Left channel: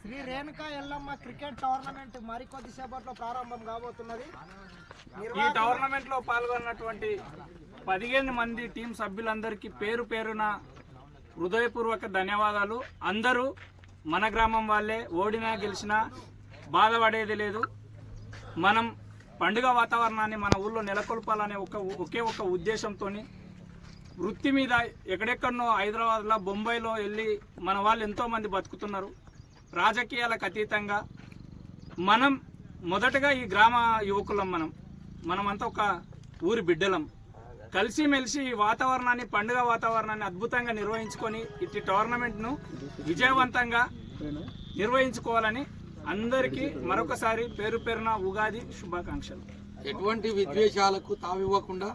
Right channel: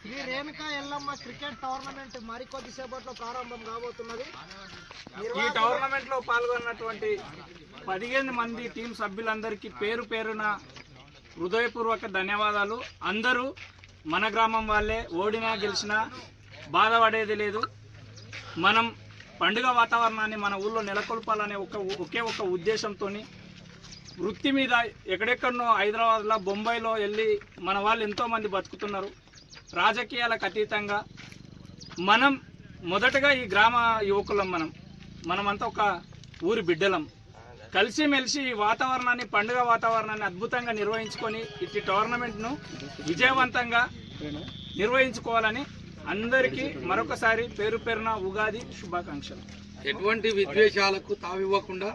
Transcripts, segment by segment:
Shri Renuka Yellamma cricket tournament మరికొద్ది సేపట్లో ప్రారంభం కాబోతున్నది. ఈ టోర్నమెంట్ లో పాల్గొన్నటువంటి 15 మంది టీం సభ్యులందరికీ పేరు పేరున హృదయపూర్వక ధన్యవాదాలు. అందరూ మన గ్రామం వాళ్ళే, ఓడినా గెలిచినా బాధపడేది లేదు. మనం పండుగ వాతావరణాన్ని మన ఊళ్ళో నెలకొల్పాలనే ఒకే ఒక ఉద్దేశంతో వృత్తి మీద ఎక్కడెక్కడనో హైదరాబాద్లో, బొంబాయిలో వెళ్ళి మన వాళ్ళు ఎంతోమంది బతుకుతున్నారు. రాజకీయాలకు అతీతంగా మనం మొదటగా ఈ గ్రామ యువకులం, మనమంతా ఒక ఊరి బిడ్డలం. కలిసిమెలిసి ఈ వాతావరణాన్ని, పండుగ వాతావరణాన్ని అద్భుతంగా నిర్వహించుకొని ఇట్టి టోర్నమెంట్ను విజయవంతంగా నిర్వహించుకోవాలని అందరికీ మరొకసారి పేరు పేరున ఉగాది శుభాకాంక్షలు. ఎటువంటి విద్వేషాలకు తావివ్వకుండా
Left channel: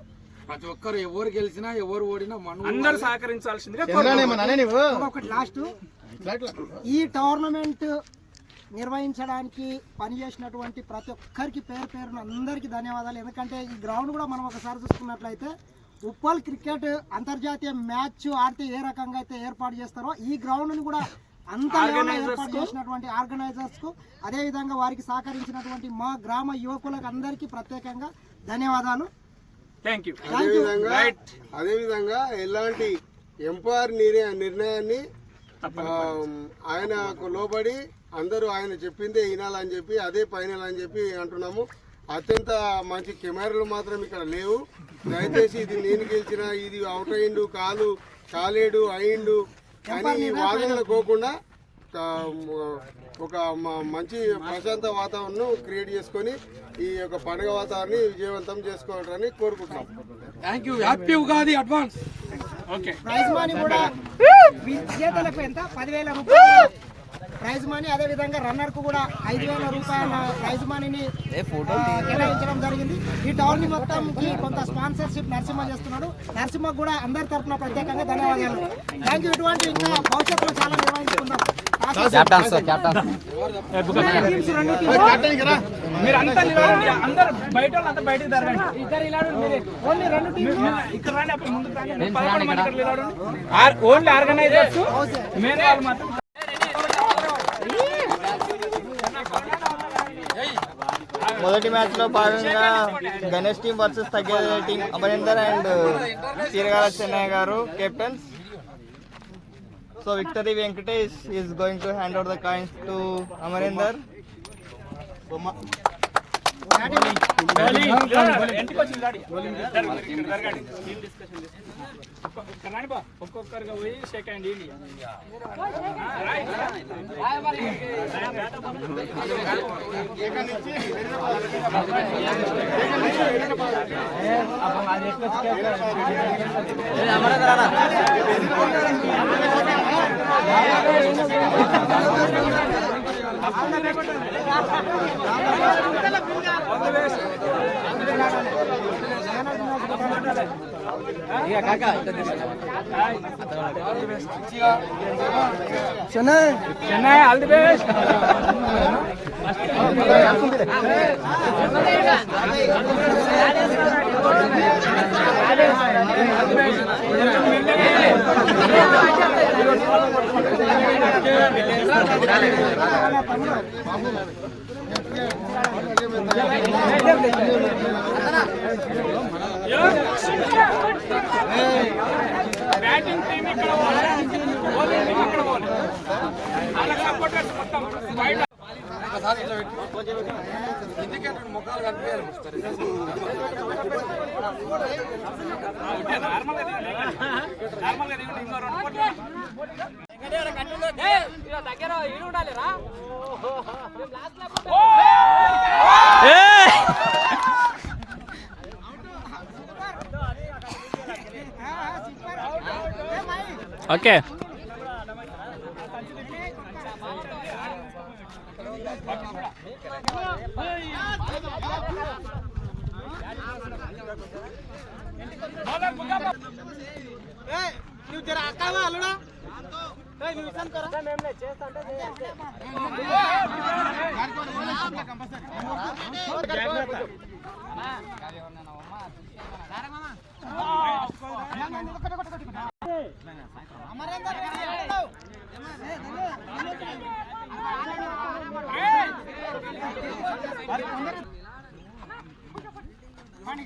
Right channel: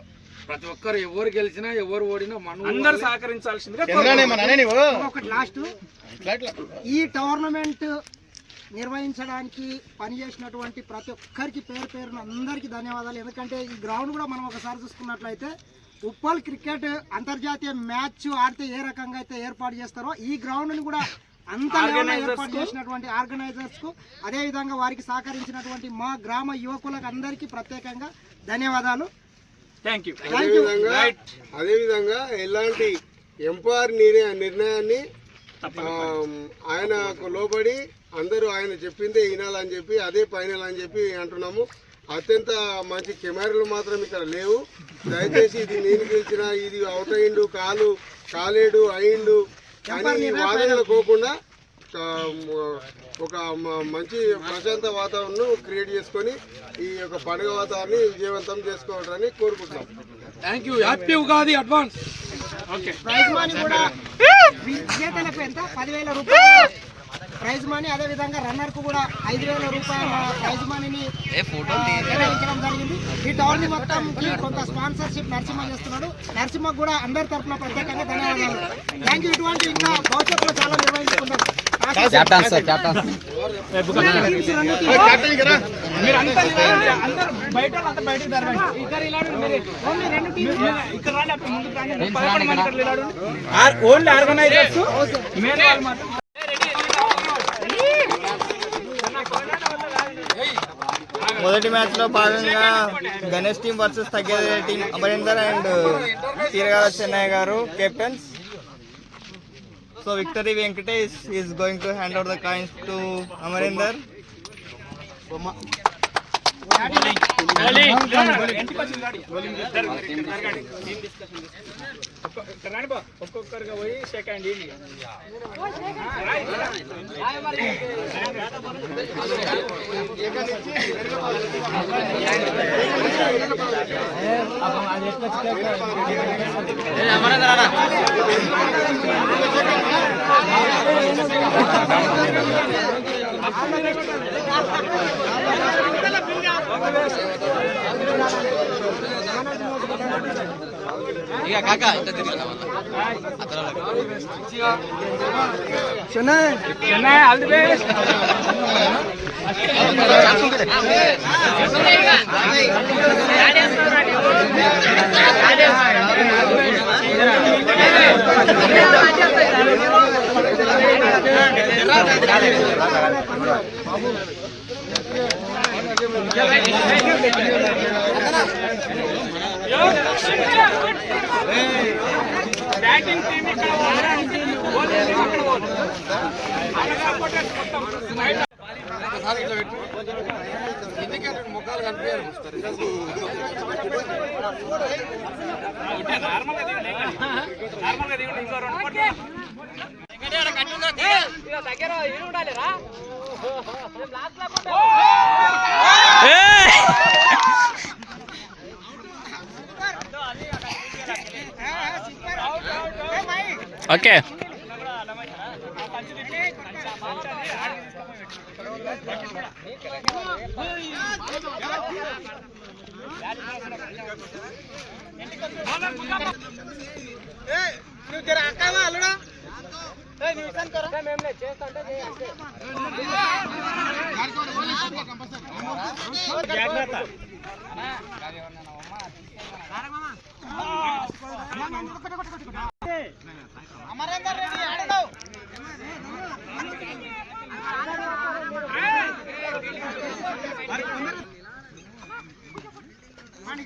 ప్రతి ఒక్కరు ఎవరు గెలిచినా ఎవరు ఓడినా అందరూ సహకరించాల్సిందిగా. లాస్ట్ ఈ టోర్నమెంట్ నిర్వహించడానికి పనిచేసినటువంటి ప్రతి ఒక్కరికి పేరు పేరున అందరికీ ధన్యవాదాలు. ఎందుకంటే ఈ గ్రౌండ్ కూడా మనం ఒకసారి చూసుకున్నట్లయితే ఉప్పల్ క్రికెట్ అంతర్జాతీయ మ్యాచ్ ఆడితే ఏ రకంగా అయితే ఏర్పాటు చేస్తారో ఈ గ్రౌండ్ని కూడా అంత ఏర్పాటు చేసినటువంటి ఆర్గనైజర్స్ కు, అదేవిధంగా వారికి సహకరించినటువంటి మా గ్రామ యువకులకు అందరికీ ప్రత్యేకంగా ధన్యవాదాలు. అదేవిధంగా ఎలాంటి ఎంపైర్ నిర్ణయాన్ని ఆయనకు లోబడి అందరూ ఆయన చెప్పిందే వినాలని చెప్పి అదే ఫైనల్ అని చెప్పి అంటున్నాము. అత్యంత మంచి కెమెరాలు మాత్రం ఇక్కడ లేవు. దయచేసి ఇది నేను గెలిచిన, ఇది అవుట్ అయిండు, కాలేడు అయిండు అని వాదనలు పోకుండా ఒక మంచి ప్రశాంత వాతావరణం క్రియేట్ చేసుకొని ఈ యొక్క పండుగ వాతావరణాన్ని విజయవంతం చేసుకోవాలని కోరుకుంటున్నాం. Thank you. Happy Ugadi advance. Prize money కూడా విజేతలకు ఎంత 10,000 రూపాయలు ప్రైజ్ మనీ, అదేవిధంగా రన్నర్ కు కూడా 5,000 రూపాయల ప్రైజ్ మనీని నిర్వహించడం జరిగింది. ఈ టౌన్ మొత్తం కొంత స్పాన్సర్షిప్ నరసింహ చేస్తున్నాడు. నరసింహకు కూడా అందరి తరఫున ప్రత్యేకంగా ధన్యవాదాలు. Thank you. ఇటువంటి ఇంకా భవిష్యత్తులో చాలా నిర్వహించుకుంటాం. మొదటి మ్యాచ్ లో భాగంగా గణేష్ టీం వర్సెస్ తగ్గేది టీం అమరీందర్ అండ్ చీరగాల చెన్నయ్య గారు captains. So victory Venkatesh is going to hand over the coins to Amarinder. ఒక్కొక్కరుగా పోయి సెకండ్ బ్యాటింగ్ టీం ఒకసారి ఇట్లా పెట్టి ఇండికేటర్ ముఖాలు కనిపించారు. నార్మల్గా దిగుంటే ఇంకో 2 దగ్గర ఉండాలిరా. ఓకే నువ్వు జర అక్కవా అల్లుడా అమరేందర్ రెడ్డి వాణి